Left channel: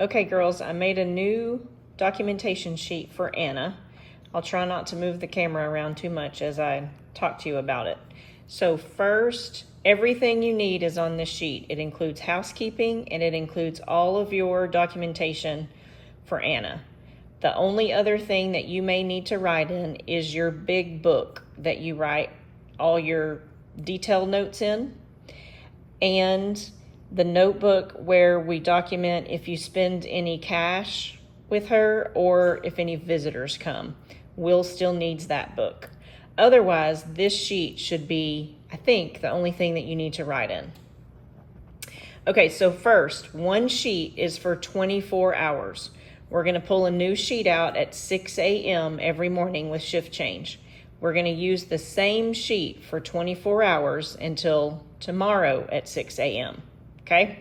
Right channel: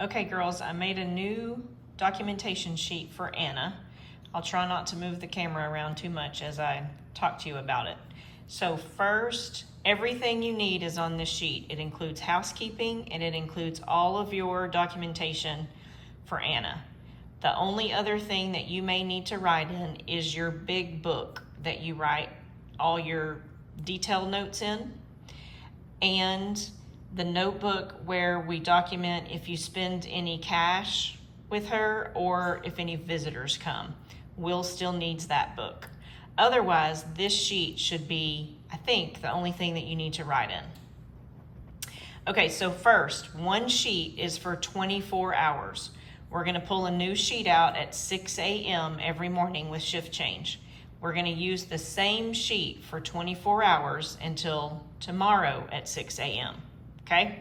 Okay, girls, I made a new documentation sheet for Anna. I'll try not to move the camera around too much as I talk to you about it. So first, everything you need is on this sheet. It includes housekeeping and it includes all of your documentation for Anna. The only other thing that you may need to write in is your big book that you write all your detailed notes in, and the notebook where we document if you spend any cash with her or if any visitors come. Will still needs that book. Otherwise, this sheet should be, I think, the only thing that you need to write in. Okay, so first, one sheet is for 24 hours. We're gonna pull a new sheet out at 6 a.m. every morning with shift change. We're gonna use the same sheet for 24 hours until tomorrow at 6 a.m. Okay,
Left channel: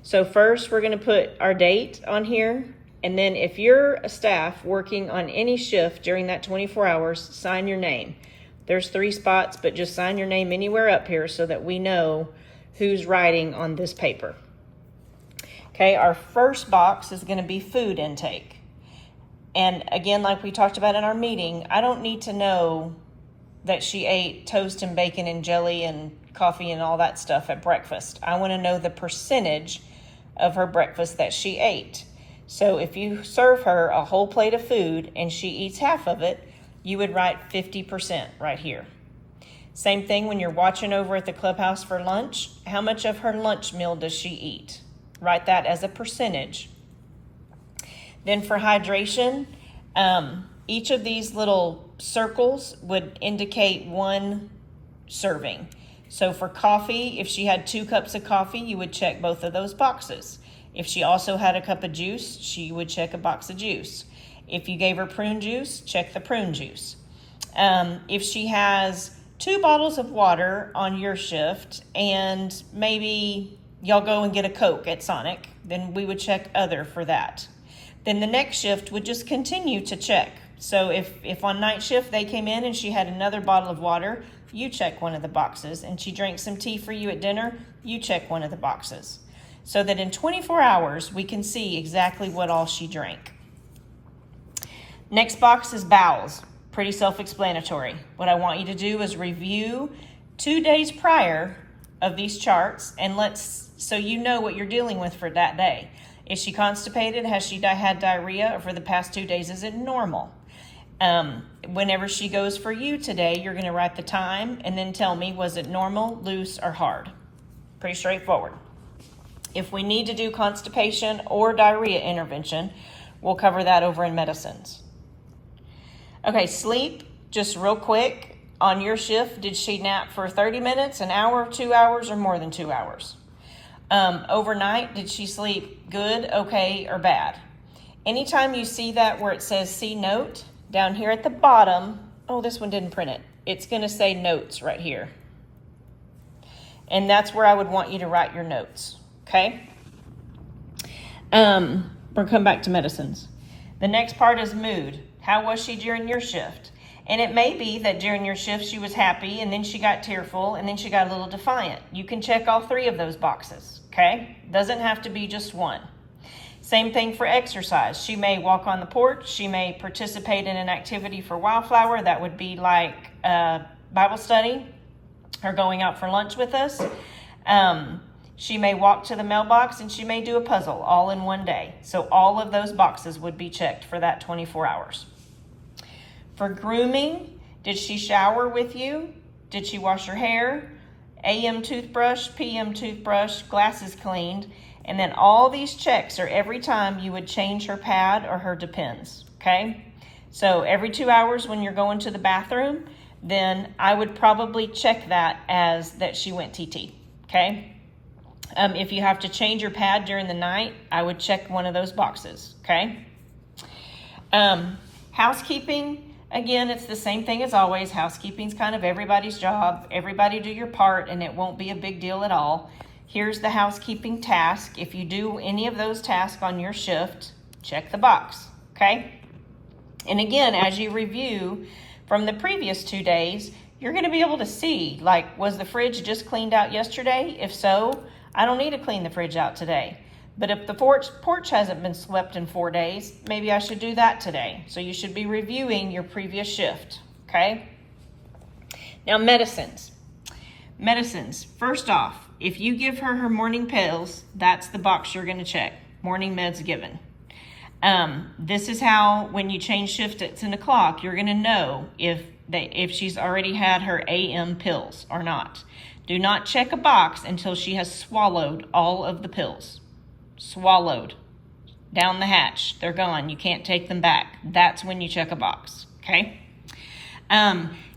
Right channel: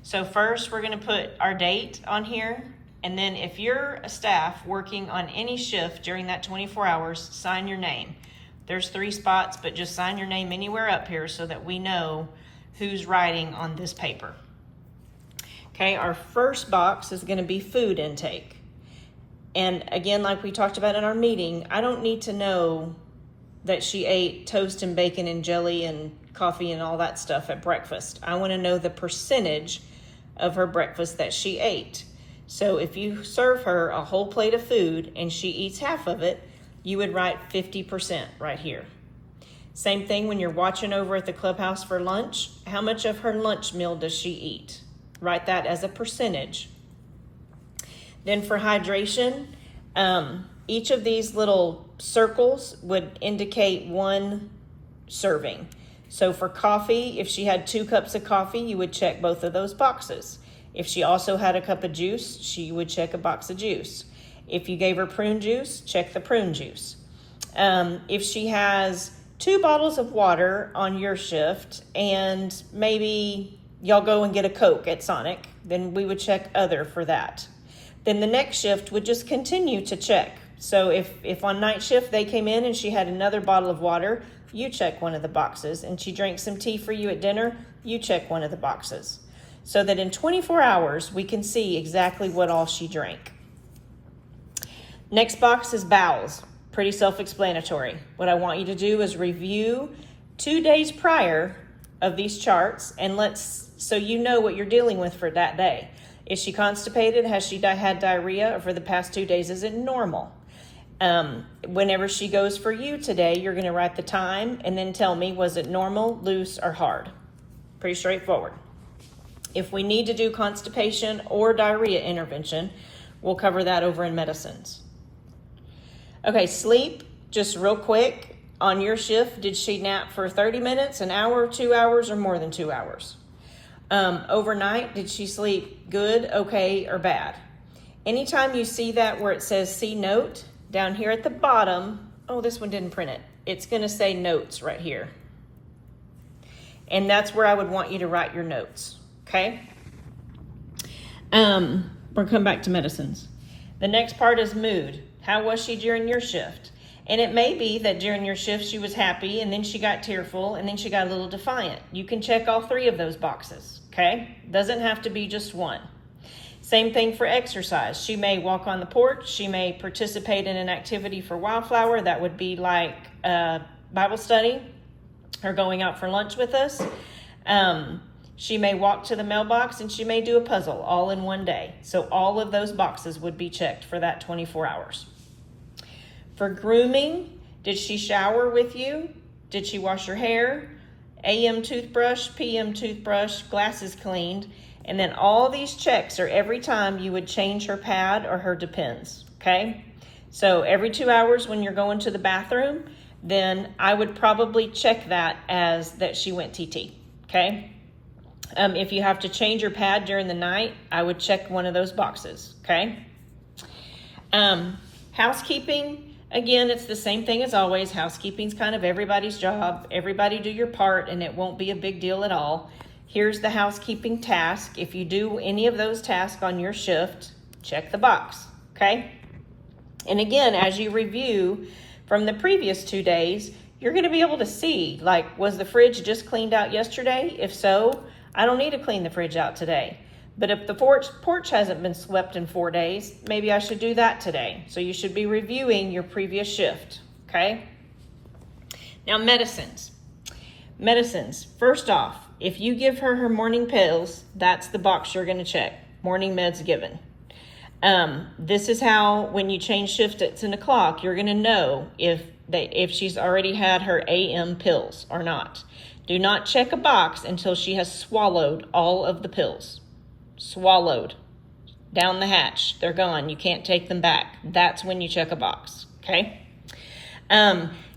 so first we're gonna put our date on here, and then if you're a staff working on any shift during that 24 hours, sign your name. There's 3 spots, but just sign your name anywhere up here so that we know who's writing on this paper. Okay, our first box is gonna be food intake. And again, like we talked about in our meeting, I don't need to know that she ate toast and bacon and jelly and coffee and all that stuff at breakfast. I want to know the percentage of her breakfast that she ate. So if you serve her a whole plate of food and she eats half of it, you would write 50% right here. Same thing when you're watching over at the clubhouse for lunch. How much of her lunch meal does she eat? Write that as a percentage. Then for hydration, each of these little circles would indicate 1 serving. So for coffee, if she had 2 cups of coffee, you would check both of those boxes. If she also had a cup of juice, she would check a box of juice. If you gave her prune juice, check the prune juice. If she has 2 bottles of water on your shift and maybe y'all go and get a Coke at Sonic, then we would check other for that. Then the next shift would just continue to check. So if on night shift they came in and she had another bottle of water, you check one of the boxes, and she drank some tea for you at dinner, you check one of the boxes. So that in 24 hours, we can see exactly what all she drank. Next box is bowels. Pretty self-explanatory. What I want you to do is review 2 days prior of these charts, and so you know what you're dealing with for that day. Is she constipated? Has she had diarrhea? Or for the past 2 days, is it normal? Whenever she goes for you today, you're going to write the time and then tell me, was it normal, loose, or hard? Pretty straightforward. If we need to do constipation or diarrhea intervention, we'll cover that over in medicines. Okay, sleep, just real quick. On your shift, did she nap for 30 minutes, an hour, 2 hours, or more than 2 hours? Overnight, did she sleep good, okay, or bad? Anytime you see that where it says see note, down here at the bottom, oh, this one didn't print it. It's gonna say notes right here. And that's where I would want you to write your notes, okay? We'll come back to medicines. The next part is mood. How was she during your shift? And it may be that during your shift she was happy, and then she got tearful, and then she got a little defiant. You can check all 3 of those boxes, okay? Doesn't have to be just one. Same thing for exercise. She may walk on the porch. She may participate in an activity for Wildflower. That would be like Bible study or going out for lunch with us. She may walk to the mailbox, and she may do a puzzle all in one day. So all of those boxes would be checked for that 24 hours. For grooming, did she shower with you? Did she wash her hair? AM toothbrush, PM toothbrush, glasses cleaned. And then all these checks are every time you would change her pad or her Depends, okay? So every 2 hours when you're going to the bathroom, then I would probably check that as that she went TT, okay? If you have to change your pad during the night, I would check one of those boxes, okay? Housekeeping, again, it's the same thing as always. Housekeeping's kind of everybody's job. Everybody do your part, and it won't be a big deal at all. Here's the housekeeping task. If you do any of those tasks on your shift, check the box, okay? And again, as you review from the previous 2 days, you're gonna be able to see, like, was the fridge just cleaned out yesterday? If so, I don't need to clean the fridge out today. But if the porch hasn't been swept in 4 days, maybe I should do that today. So you should be reviewing your previous shift, okay? Now, medicines. Medicines, first off, if you give her her morning pills, that's the box you're gonna check, morning meds given. This is how, when you change shift at 10 o'clock, you're gonna know if she's already had her AM pills or not. Do not check a box until she has swallowed all of the pills. Swallowed. Down the hatch. They're gone. You can't take them back. That's when you check a box, okay?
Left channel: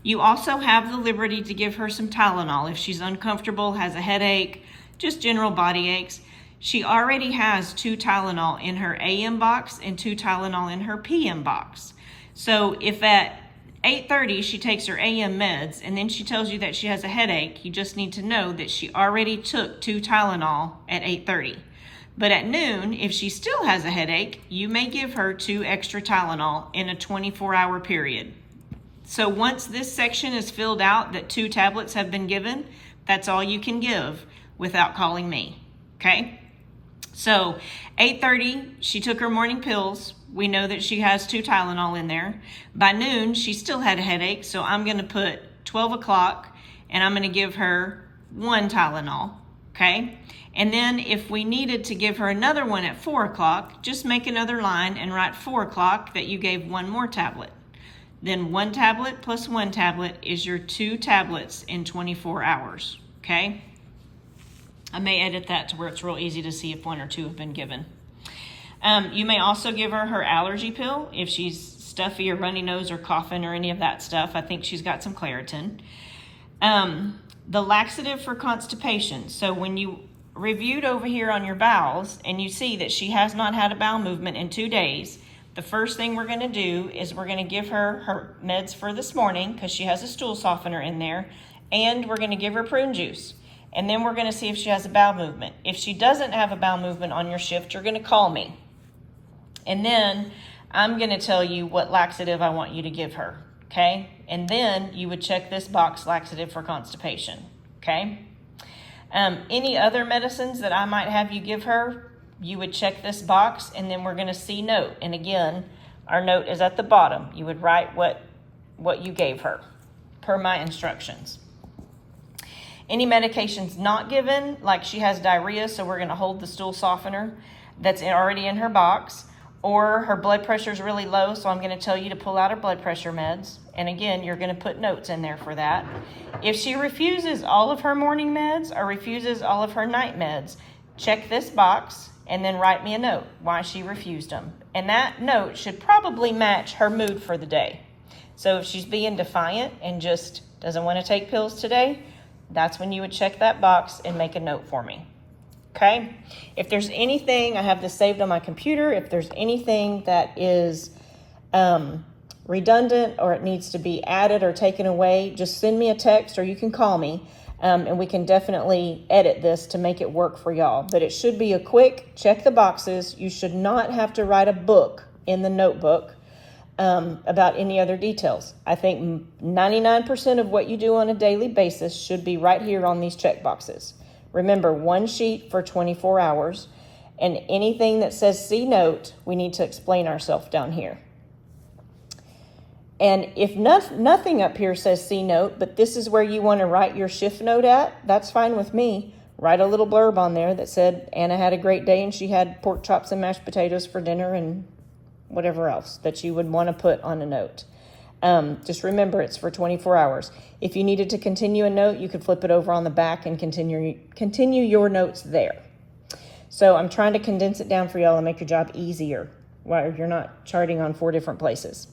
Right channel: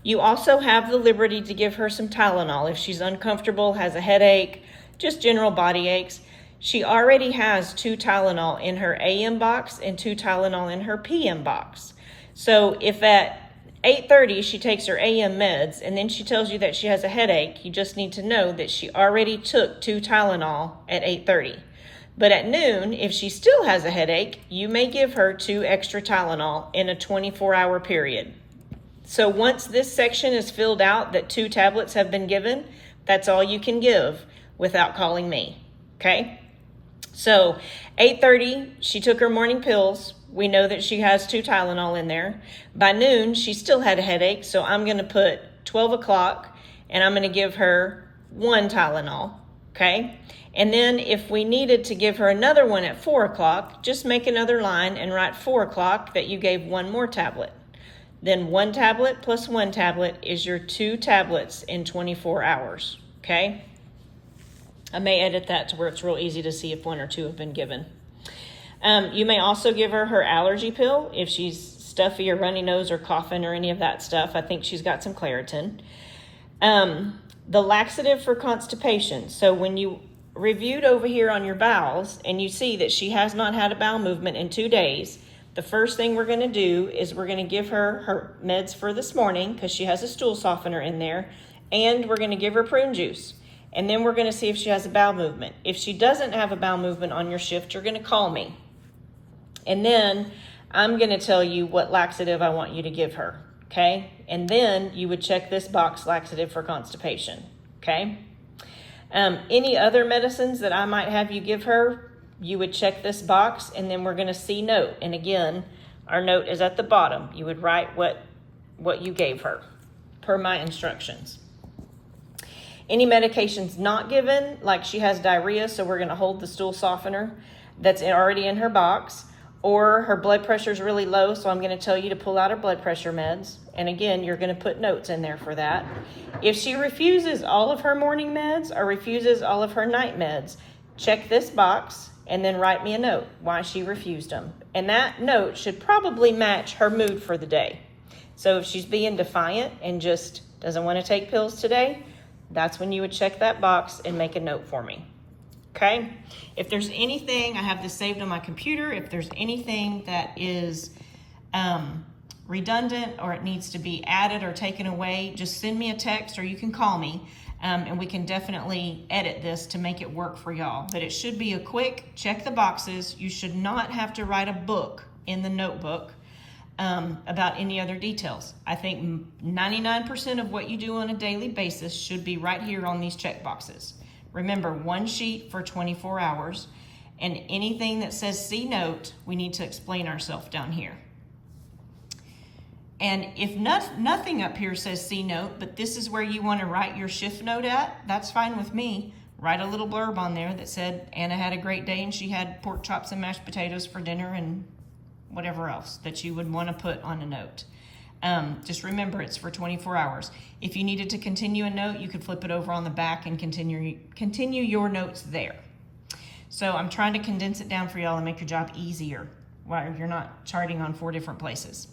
You also have the liberty to give her some Tylenol if she's uncomfortable, has a headache, just general body aches. She already has 2 Tylenol in her AM box and 2 Tylenol in her PM box. So if at 8:30 she takes her AM meds and then she tells you that she has a headache, you just need to know that she already took 2 Tylenol at 8:30. But at noon, if she still has a headache, you may give her 2 extra Tylenol in a 24-hour period. So once this section is filled out that 2 tablets have been given, that's all you can give without calling me, okay? So 8:30, she took her morning pills. We know that she has 2 Tylenol in there. By noon, she still had a headache, so I'm gonna put 12 o'clock and I'm gonna give her 1 Tylenol, okay? And then if we needed to give her another one at 4 o'clock, just make another line and write 4 o'clock that you gave 1 more tablet. Then 1 tablet plus 1 tablet is your 2 tablets in 24 hours, okay? I may edit that to where it's real easy to see if 1 or 2 have been given. You may also give her allergy pill if she's stuffy or runny nose or coughing or any of that stuff. I think she's got some Claritin. The laxative for constipation. So when you reviewed over here on your bowels and you see that she has not had a bowel movement in 2 days, the first thing we're going to do is we're going to give her her meds for this morning because she has a stool softener in there, and we're going to give her prune juice. And then we're going to see if she has a bowel movement. If she doesn't have a bowel movement on your shift, you're going to call me. And then I'm going to tell you what laxative I want you to give her, okay? And then you would check this box, laxative for constipation, okay? Any other medicines that I might have you give her, you would check this box, and then we're going to see note. And again, our note is at the bottom. You would write what you gave her per my instructions. Any medications not given, like she has diarrhea, so we're going to hold the stool softener that's already in her box, or her blood pressure is really low, so I'm going to tell you to pull out her blood pressure meds. And again, you're going to put notes in there for that. If she refuses all of her morning meds or refuses all of her night meds, check this box and then write me a note why she refused them. And that note should probably match her mood for the day. So if she's being defiant and just doesn't want to take pills today, that's when you would check that box and make a note for me. Okay? If there's anything, I have this saved on my computer, if there's anything that is redundant or it needs to be added or taken away, just send me a text or you can call me. And we can definitely edit this to make it work for y'all. But it should be a quick check the boxes. You should not have to write a book in the notebook about any other details. I think 99% of what you do on a daily basis should be right here on these check boxes. Remember, 1 sheet for 24 hours. And anything that says see note, we need to explain ourselves down here. And if nothing up here says C note, but this is where you want to write your shift note at, that's fine with me. Write a little blurb on there that said Anna had a great day and she had pork chops and mashed potatoes for dinner and whatever else that you would want to put on a note. Just remember, it's for 24 hours. If you needed to continue a note, you could flip it over on the back and continue your notes there. So I'm trying to condense it down for y'all and make your job easier while you're not charting on 4 different places.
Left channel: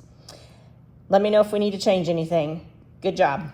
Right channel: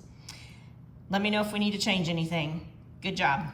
Let me know if we need to change anything. Good job.